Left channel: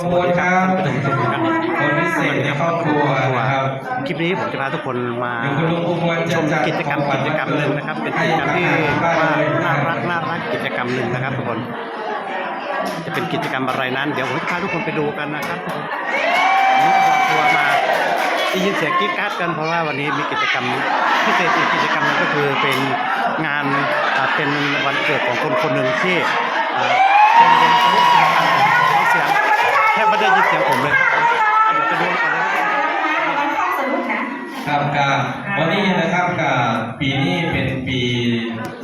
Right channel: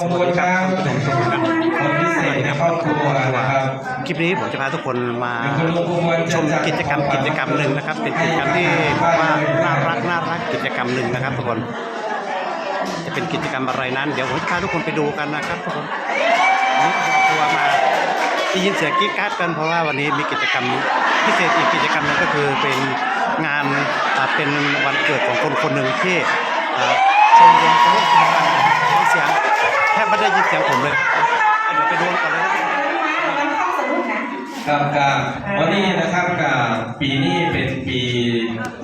สวัสดีครับท่านผู้ชมทุกท่านคนพิเศสวัษสดีในครับครอบครัวนะครับคลิปนี้ผมจะพาทุกคนมาชมกิจกรรมกิจกรรมหนึ่งนะครับ เป็นกิจกรรมที่ผมว่าน่ารักน่ารักกิจกรรมหนึ่งนะครับทุกคนจะเป็นกิจกรรมอะไรนั้น เดี๋ยวผมจะพาทุกคนไปดูกันนะครับทุกคนวันนี้ครอบครัวมาได้ยินเสียงกรี๊ดกราร์ดกันเพราะว่าวันนี้มีกิจกรรมพิเศษอีกกิจกรรมหนึงก็คือเป็นงานอ่าเป็นวันเกิดของคนคนหนึ่งที่ อ่าชมรมสมุทรสงครามฟังเสียงแทบไม่ได้ยินเสียงผมเลยครับอะเดี๋ยวไปดูกันก่อนเลยนะครับครับกับวันนี้นะครับกับปีนี้เป็นปี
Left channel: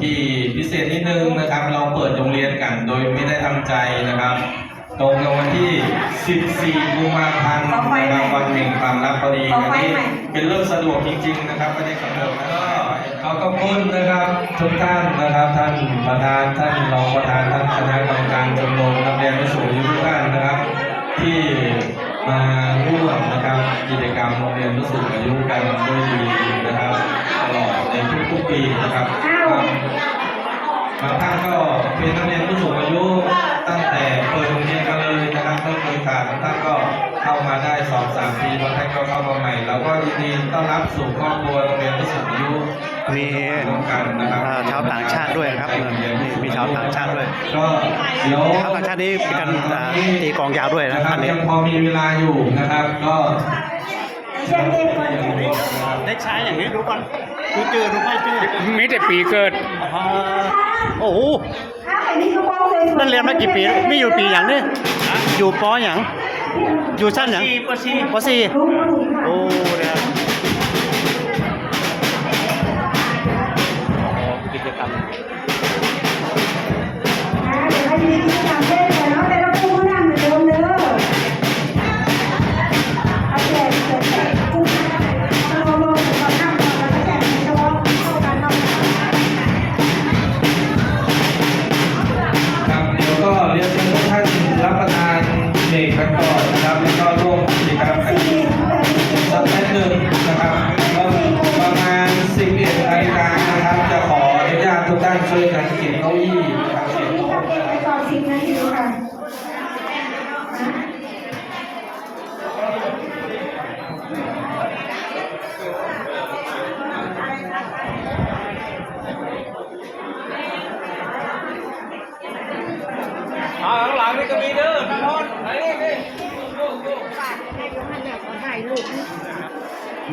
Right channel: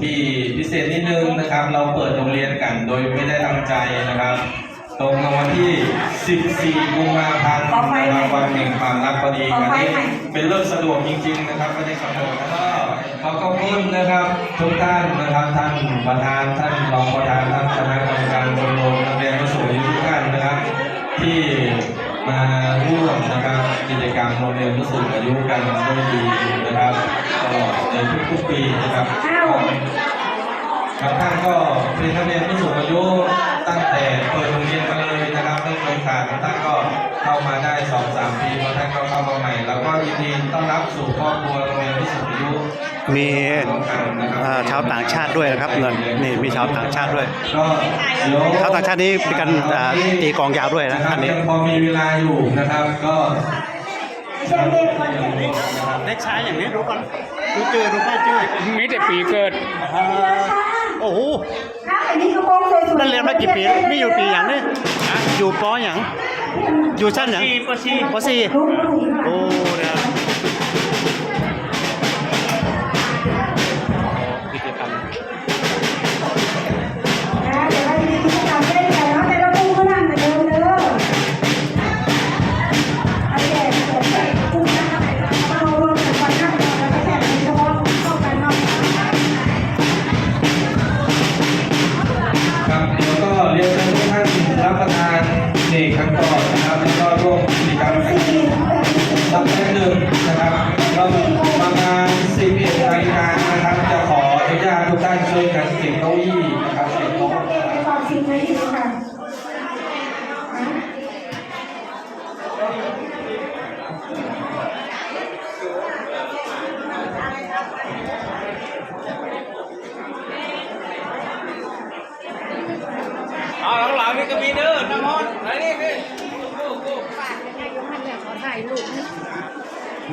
ที่พิเศษนิดนึงนะครับ เราเปิดโรงเรียนกันโดยไม่ได้ตั้งใจนะครับ ตรงกับวันที่ 14 กุมภาพันธ์นะครับวันแห่งความรักพอดีอันนี้เป็นเรื่องสะดวกจริง ๆ นะครับวันนี้สะดวกแล้วก็ ขอบคุณนะครับทุกท่านนะครับท่านประธานท่านรองประธานท่านคณะกรรมการชมรมนักเรียนผู้สูงอายุทุกท่านนะครับ ที่มาร่วมนะครับกิจกรรมโรงเรียนผู้สูงอายุกันด้วยดีนะครับตลอดในทุกๆปีนะครับ บางท่านก็เป็นนักเรียนผู้สูงอายุตั้งแต่เปิดโรงเรียนมาเลยนะครับไม่เคยขาดบางท่านก็เข้ามาได้สองสามปีบางท่านก็เข้ามาใหม่เราก็ยินดีต้อนรับสู่ครอบครัวโรงเรียนผู้สูงอายุมีร่วมกันนะครับอ่าชาวต่างชาติด้วยนะครับเงินนี่มีชาวต่างชาติด้วยก็เดี๋ยวชาวต่างชาตินี้มีการอ่าตีกลองยาวด้วยนะนะคอัรับนนี้ยังพอมีเวลาอยู่นะครับก็เด็กชายอย่างนี้ดูก่อนดูจือดูไม่จือมีแต่ปีเกิดอ่า โอ้โหนั่นเรียนมากี่ปีนี่อยู่ปีอย่างนี้อยู่ปออย่างอยู่ชั้นอย่างปีปสี่ปสี่โอ้เดี๋ยวโอ้กิจกรรม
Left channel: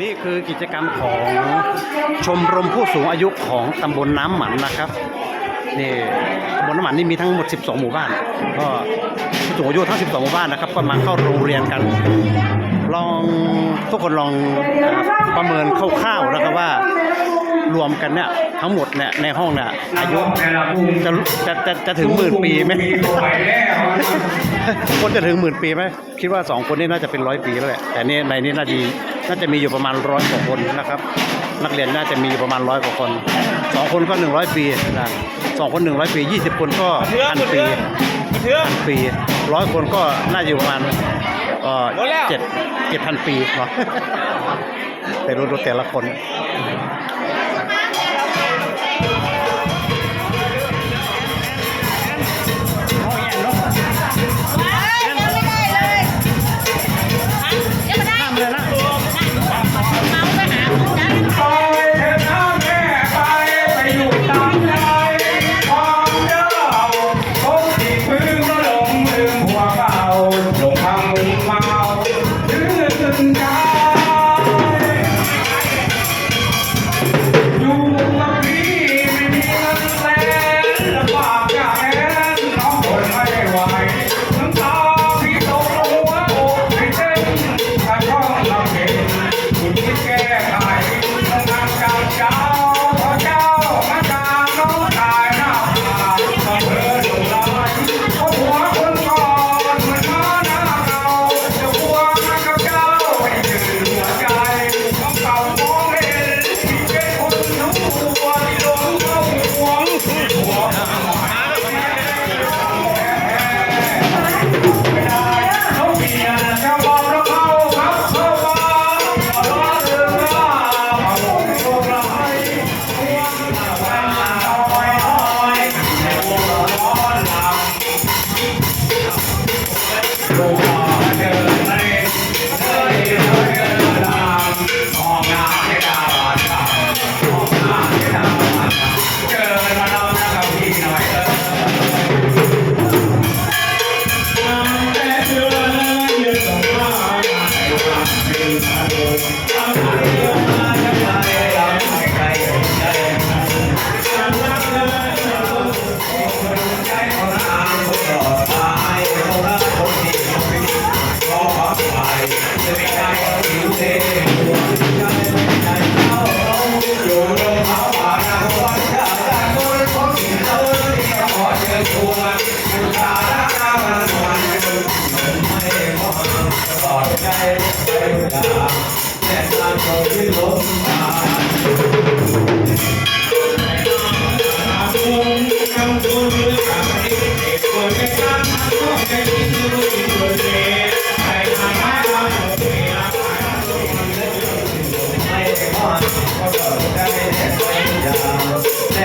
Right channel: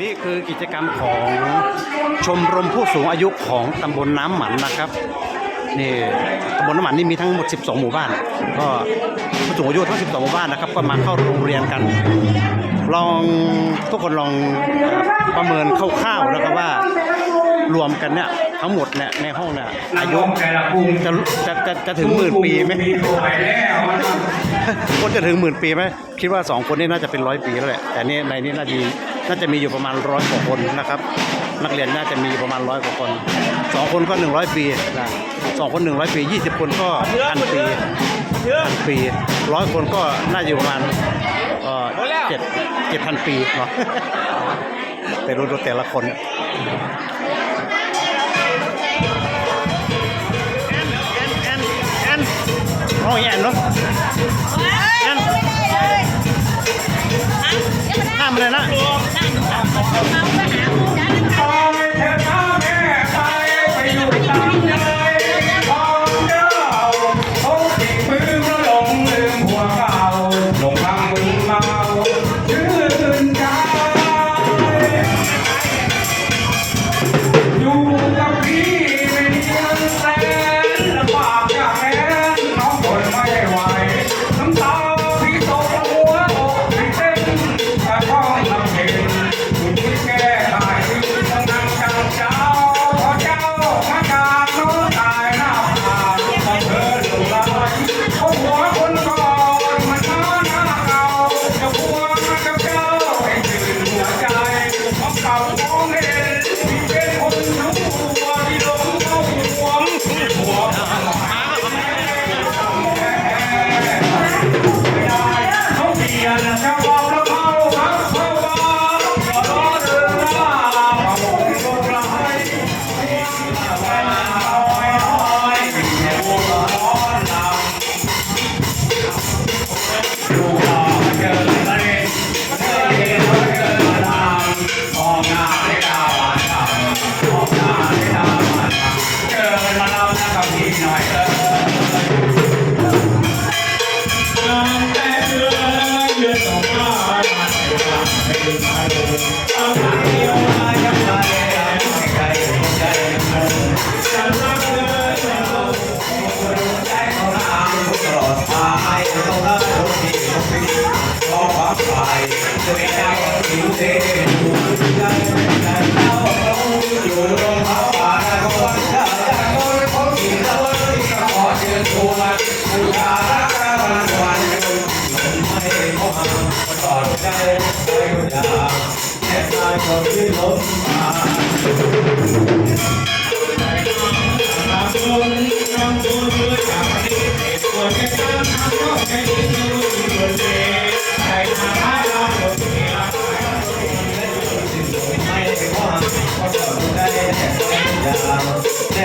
นี่คือกิจกรรมของชมรมผู้สูงอายุของตำบลน้ำหมันนะครับนี่ตำบลน้ำหมันนี่มีทั้งหมด 12 หมู่บ้าน ก็ผู้สูงอายุทั้ง 12 หมู่บ้านนะครับ ก็มาเข้าโรงเรียนกัน ลองทุกคนลองอประเมินคร่าวๆนะครับว่า รวมกันเนี่ยทั้งหมดเนี่ยในห้องเนี่ยอายุแต่ละกลุ่มจะจะจะจะถึงหมื่นปีไหมมีป่วยแล้วคนจะถึงหมื่นปีไหมคิดว่าสองคนนี้น่าจะเป็นร้อยปีแล้วแหละแต่นี่ในนี้น่าจะน่าจะมีอยู่ประมาณร้อยกว่าคนนะครับ นักเรียนน่าจะมีประมาณร้อยกว่าคนสองคนก็หนึ่งร้อยปีนะสองคนหนึ่งร้อยปียี่สิบคนก็พันปีพันปีร้อยคนก็น่าจะอยู่ประมาณเอ่อเจ็ดเจ็ดพันปีเนาะแต่รู้ดูแต่ละคน อย่างแ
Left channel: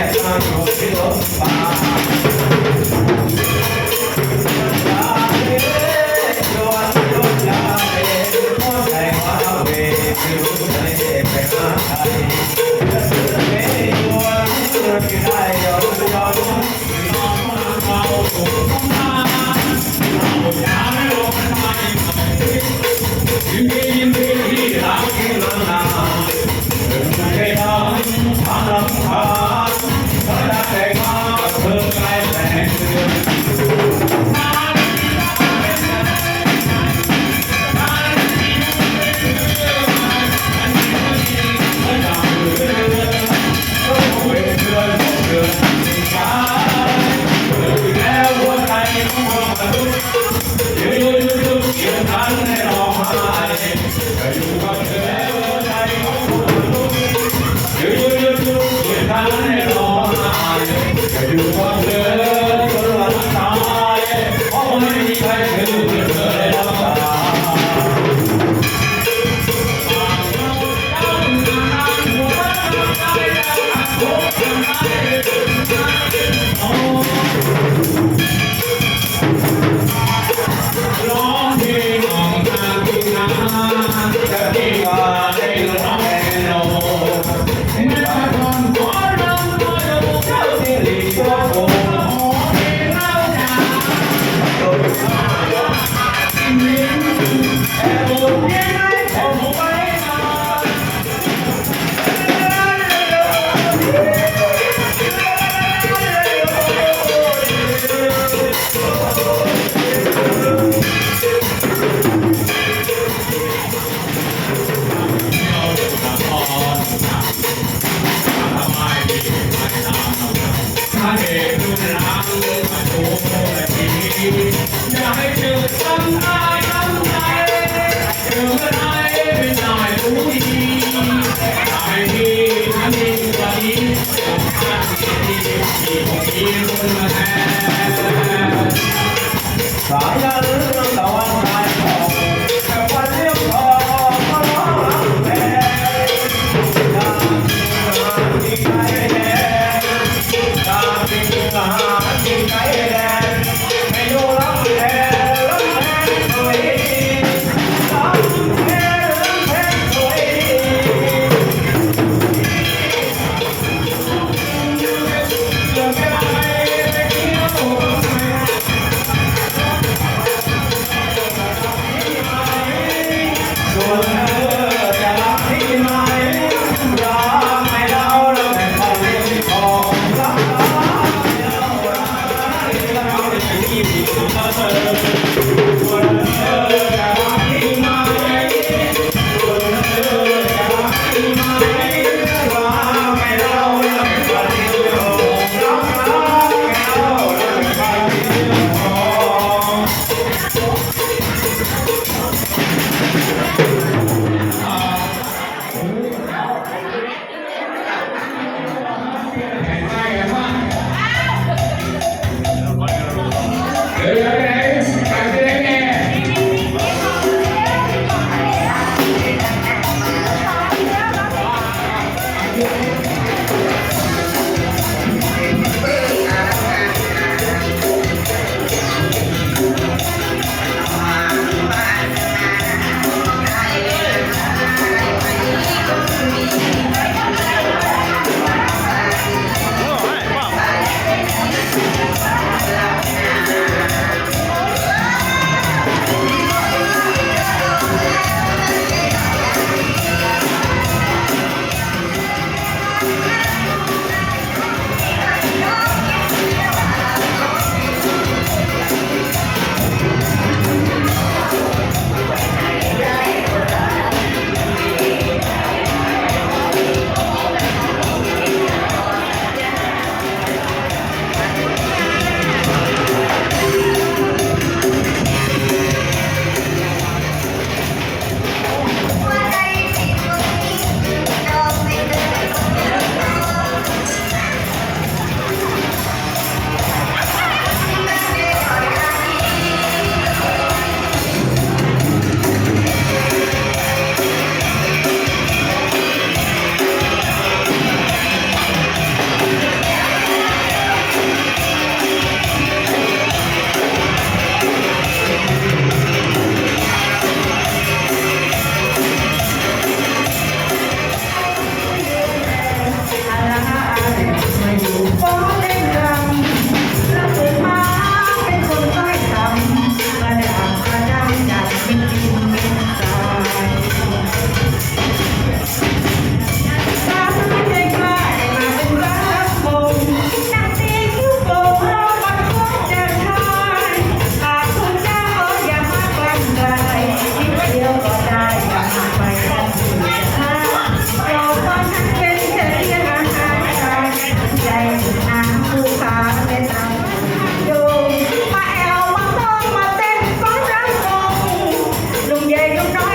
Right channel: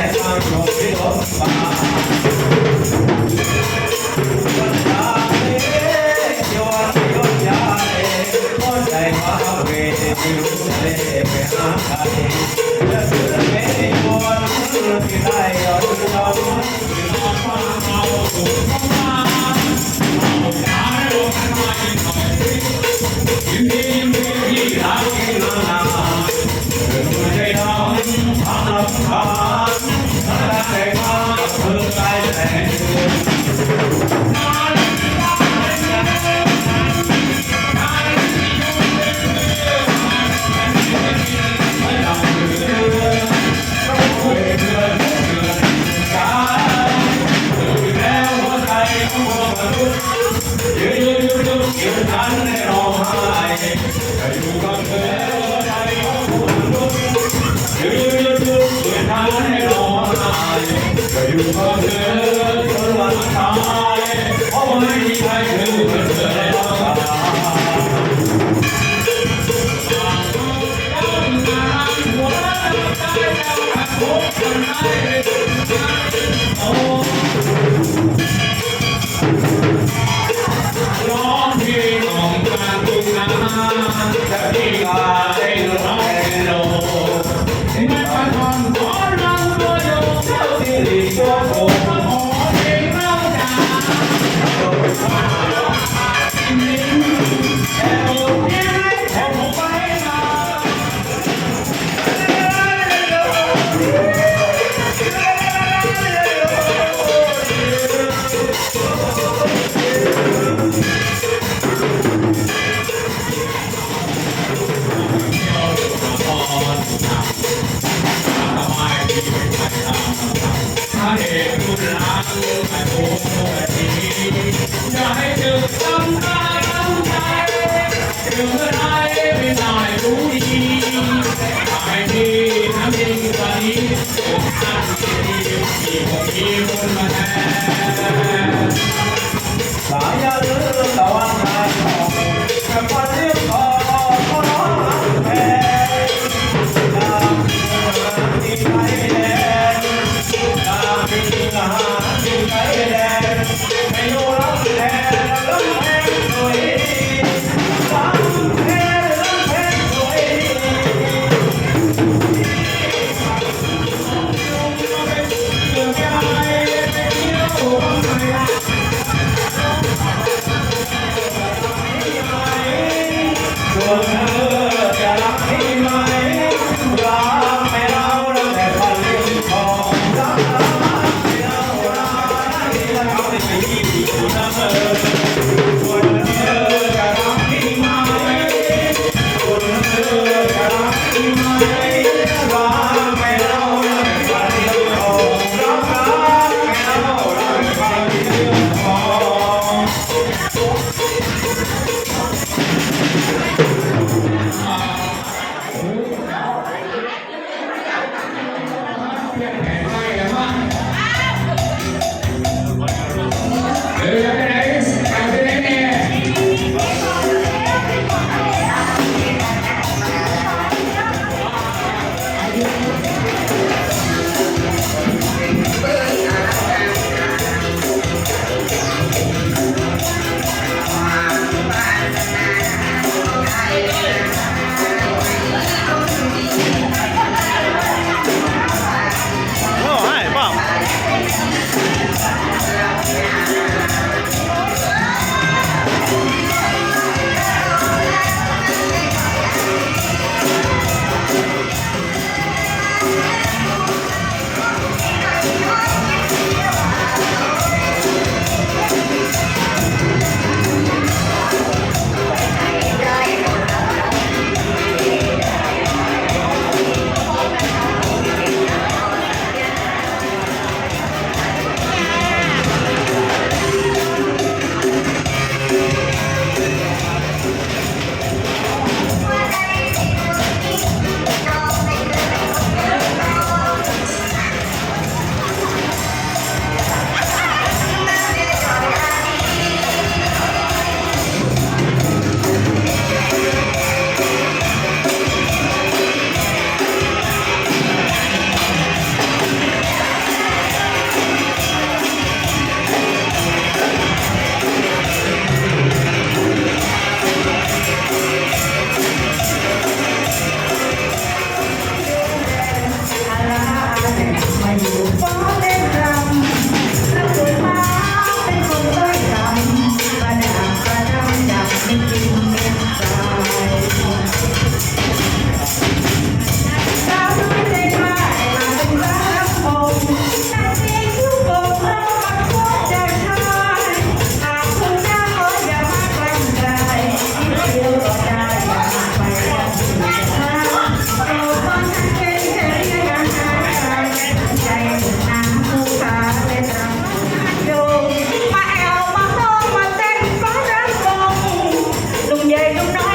ลุง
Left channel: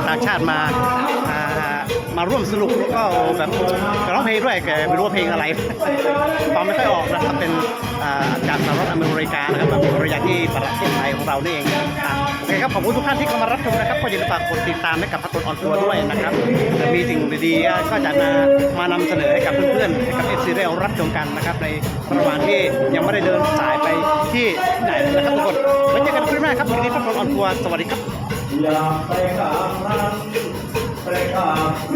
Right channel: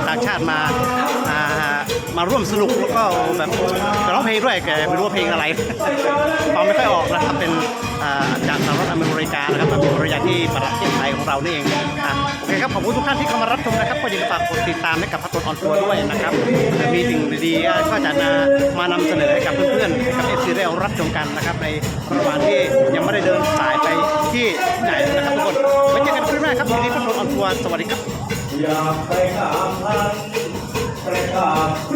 าวต่างชาติมาามาร่วมสนุกแล้วก็แบบร้องเพลงด้วยแกไม่รู้ว่าเพลงอะไรฟังไม่ค่อยออกนะครับเป็นจากสหรัฐอเมริกานะครับมามีภรรยาที่ประเทศไทยของเรานี่เองอะโอเคครับขอบคุณทุกท่านที่เข้ามารับชมนะครับก็อย่าลืมฝากกดติดตามให้กับพัฒนออนทัวร์ด้วยนะครับเดี๋ยวมีสิ่งดีๆก็จะนามานำเสนอให้กับเพื่อนๆให้กับเอฟซีได้รับชมกันนะครับในระหว่างที่ยังไม่ได้เดินสายไปที่ไหนนะครับทุกคนไว้เจอกันคลิปหน้าครับทีนี้พัฒนออนทัวร์สวัสดีครับ อยากไปกราบพันไปกราบ